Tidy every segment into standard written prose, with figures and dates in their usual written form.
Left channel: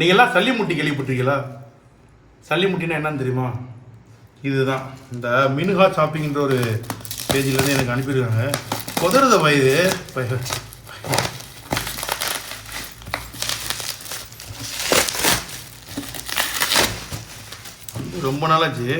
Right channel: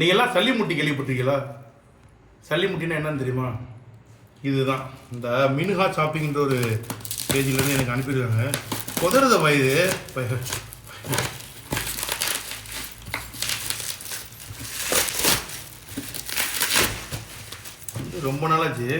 நீங்கள்லாம் சல்லிமுட்டி கேள்விப்பட்டிருக்கீங்களா? சல்லிமுட்டினா என்னன்னு தெரியுமா? இதுதான். இந்த மினுஹா ஷாப்பிங்கிற ஒரு பேஜிலேருந்து எனக்கு அனுப்பியிருக்காங்க. குதிரத வயது ரொம்ப நாளாச்சு.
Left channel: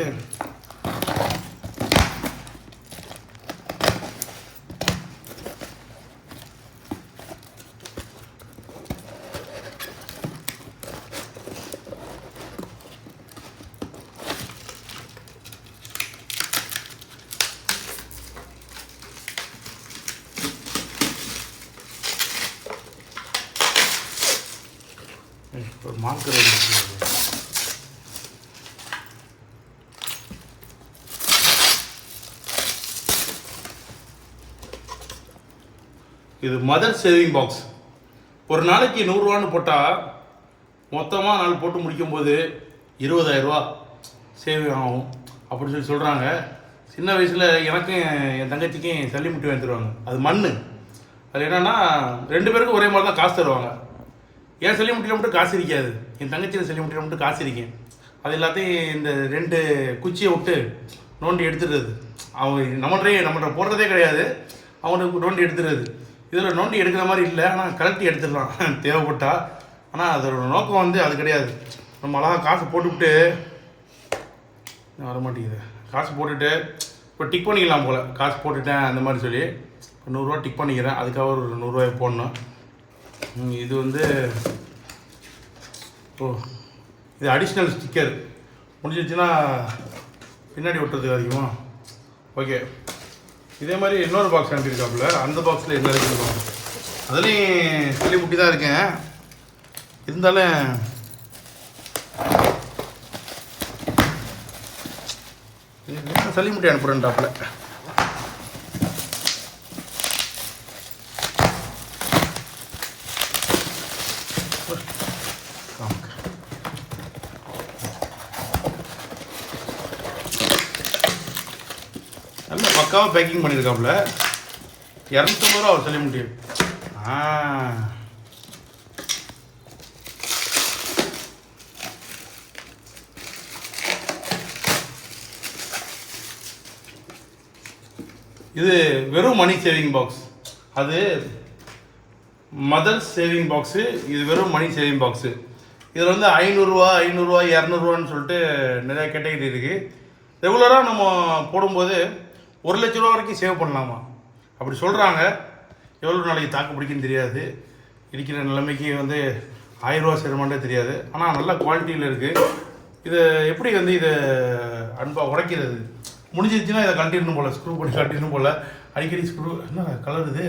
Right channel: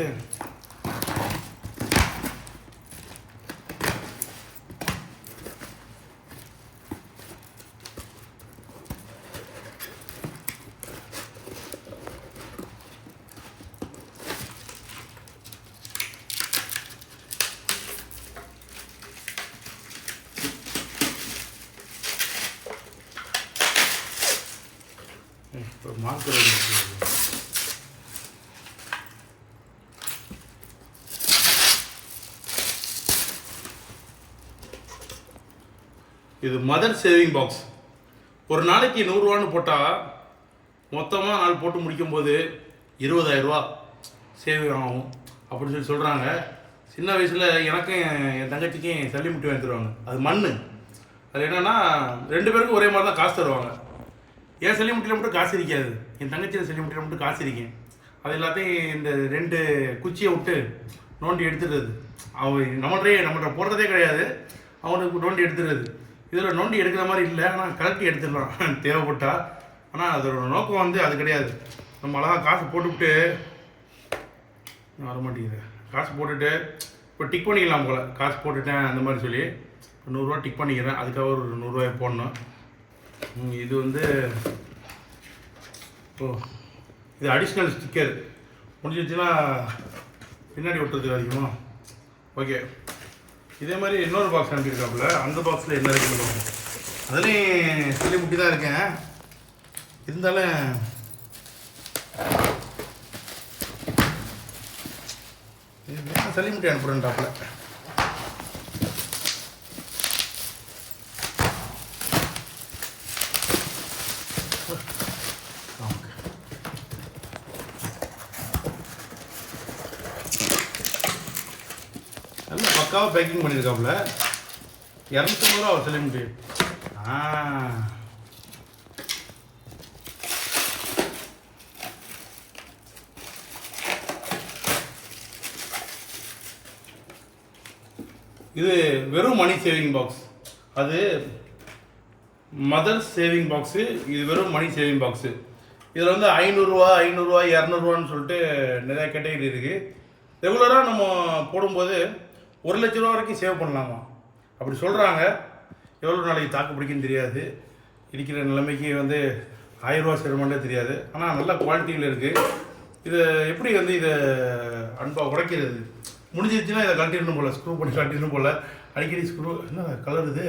மார்க்கர் இது மதர் சேவிங் பாக்ஸ். ஒரு நாளைக்கு 100 ரூபான்னு போட்டால் மொத்தமாக நாள் போட்டு முடிக்கும் போது 20,000 ரூபா சேவிங் ஆகும் அப்படின்னு சொல்கிறாங்க. சின்ன வயசில் எனக்கும் என் தங்கச்சிக்கும் சல்லிமுட்டி வாங்கி தருவாங்க. அது மண். அது என்னென்னா 2 பேருக்கும் ஒரே மாதிரி தான் காசு தருவாங்க. என் சல்லிமுட்டியில் மட்டும் காசு இருக்காது, என் தங்கச்சியில் சல்லிமுட்டியில் மட்டும் காசு இருக்கேன். அது எல்லாத்தையும் இந்த 2 குச்சியை விட்டு நோண்டி எடுத்துடுறது. அவன் நம்மள்கிட்ட போடுறதே கிடையாது, அவனுக்கு நோண்டி எடுத்துடுறது. இதில் நோண்டி எடுக்கிற மாதிரி இல்லை, ஆனால் கலட்டி எடுத்துடலாம் தேவைப்பட்டா. ஆனால் அதோட நோக்கம் வந்து அது கிடையாது. நம்ம அழகாக காசு போட்டுவிட்டு வரமாட்டேங்குது. காசு போட்டுட்டு இப்போ டிக் பண்ணிக்கலாம் போல். காசு போட்டுட்டேன் அந்த மாதிரி சொல்லி 100 ரூபா டிக் பண்ணிக்கிறேன். அதுக்காக ஒரு 100 ரூபாய் போடணும். இது வந்து இது அடிஷ்னல் ஸ்டிக்கர் முடிஞ்சிச்சுன்னா பின்னாடி ஒட்டுறதுக்கு அதிகமாக. ஓகே, இதே மாதிரி இன்னொரு பாக்ஸ் அனுப்பியிருக்காப்புல. அந்த பாக்ஸில் என்ன இருக்குன்னு பார்ப்போம். அதுலேயும் சல்லிமுட்டி தான் இருக்கேன். இருந்தாலும் சல்லிமுட்டி அனுப்புகிறேன்டாப்புல. நல்லா பக்காவாக பேக்கிங் பண்ணியிருக்காப்புல. 250 ரூபா அவர் சல்லிமுட்டி. இது வெறும் மணி சேவிங் பாக்ஸ். அது மதர் சேவிங் பாக்ஸு. இது வெறும் மணி சேவிங் பாக்ஸு. இதில் வந்து 500 ரூபா 200 சொல்லிட்டு நிறையா கேட்டகரி இருக்குது. ரெகுலராக நம்ம போடும்போது 1 லட்ச ரூபா வரைக்கும் சேவ் பண்ணலாமா அப்படி சொல்கிறாங்க. எவ்வளோ நாளைக்கு தாக்கு பிடிக்குன்னு தெரியாது. இருக்கிற நிலைமைக்கு வந்து 1000 ரூபா சேருமானே தெரியாது. ஆனால் நல்ல குவாலிட்டியில் இருக்குது. இதை எப்படி வந்து இதை அன்பாக உடைக்கிறது? முடிஞ்சிருச்சுன்னா இதை கழட்டிடணும் போல், ஸ்க்ரூ பண்ணி கழட்டிடணும் போல். அடிக்கடி ஸ்க்ரூ என்ன கலர் இது?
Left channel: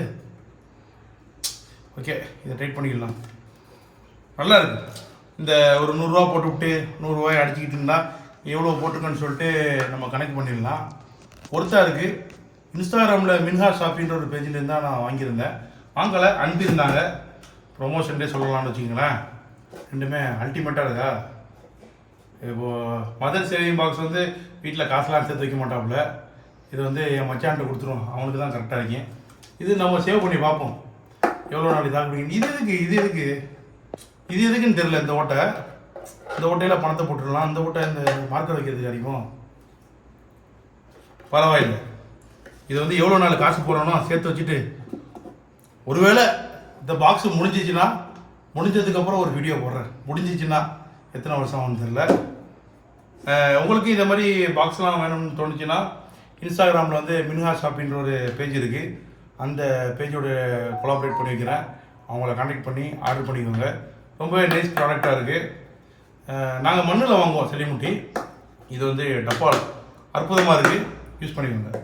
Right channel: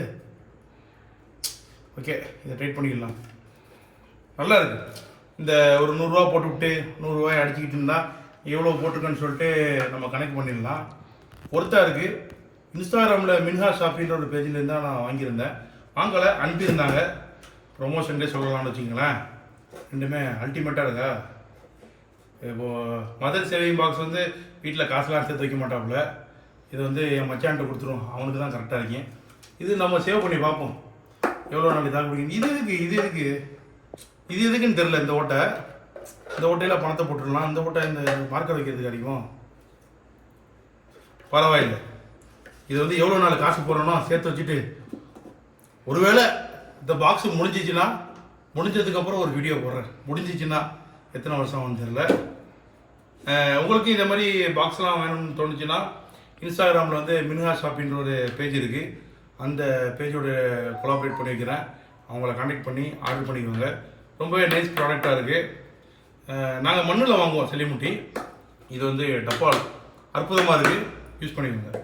ஓகே, இதை டைட் பண்ணிக்கலாம். நல்லா இருக்குது. இந்த ஒரு 100 ரூபா போட்டுவிட்டு 100 ரூபாய் அடிச்சுக்கிட்டு இருந்தால் எவ்வளோ போட்டிருக்கேன்னு சொல்லிட்டு நம்ம கணக்கு பண்ணிடலாம். ஒருத்தா இருக்குது. இன்ஸ்டாகிராமில் மின்ஹா ஷாப்பின்ற ஒரு பேஜில் தான் நான் வாங்கியிருந்தேன். வாங்கலை, அனுப்பியிருந்தாங்க. ப்ரொமோஷன்டே சொல்லலாம்னு வச்சுக்கோங்களேன். ரெண்டுமே அல்டிமேட்டாக இருக்கா. இப்போது மதர் சேவிங் பாக்ஸ் வந்து வீட்டில் காசுலாம் சேர்த்து வைக்க மாட்டாப்புல. இது வந்து என் மச்சான்கிட்ட கொடுத்துருவோம், அவனுக்கு தான் கரெக்டாக இருக்கும். இது நம்ம சேவ் பண்ணி பார்ப்போம் எவ்வளோ நாளைக்கு தாக்கு பிடிக்கும். இது எதுக்குன்னு தெரில. இந்த ஓட்டையில் பணத்தை போட்டுடலாம். இந்த ஓட்டை இந்த மார்க்கர் வைக்கிறதுக்கு அதிகம் பரவாயில்லை. இது வந்து எவ்வளோ நாள் காசு போடுறோனோ சேர்த்து வச்சுட்டு, ஒருவேளை இந்த பாக்ஸு முடிஞ்சதுக்கப்புறம் ஒரு வீடியோ போடுறேன். முடிஞ்சிச்சுன்னா எத்தனை வருஷம் ஆகும்னு தெரில. உங்களுக்கு இந்த மாதிரி பாக்ஸ்லாம் வேணும்னு தோணுச்சுன்னா இன்ஸ்டாகிராமில் வந்து மின்ஹா ஷாப்பின்ற ஒரு பேஜ் இருக்குது. அந்த பேஜோட கொலாபரேட் பண்ணி வைக்கிறேன். அவங்கள கான்டாக்ட் பண்ணி ஆர்டர் பண்ணிக்கோங்க. ரொம்பவே நைஸ் ப்ராடக்டாக இருக்குது. நாங்கள் மண்ணில் வாங்குவோம் சல்லிமுட்டி. இது வந்து டப்பால் அற்புதமாக இருக்குது. யூஸ் பண்ணிக்கோங்க.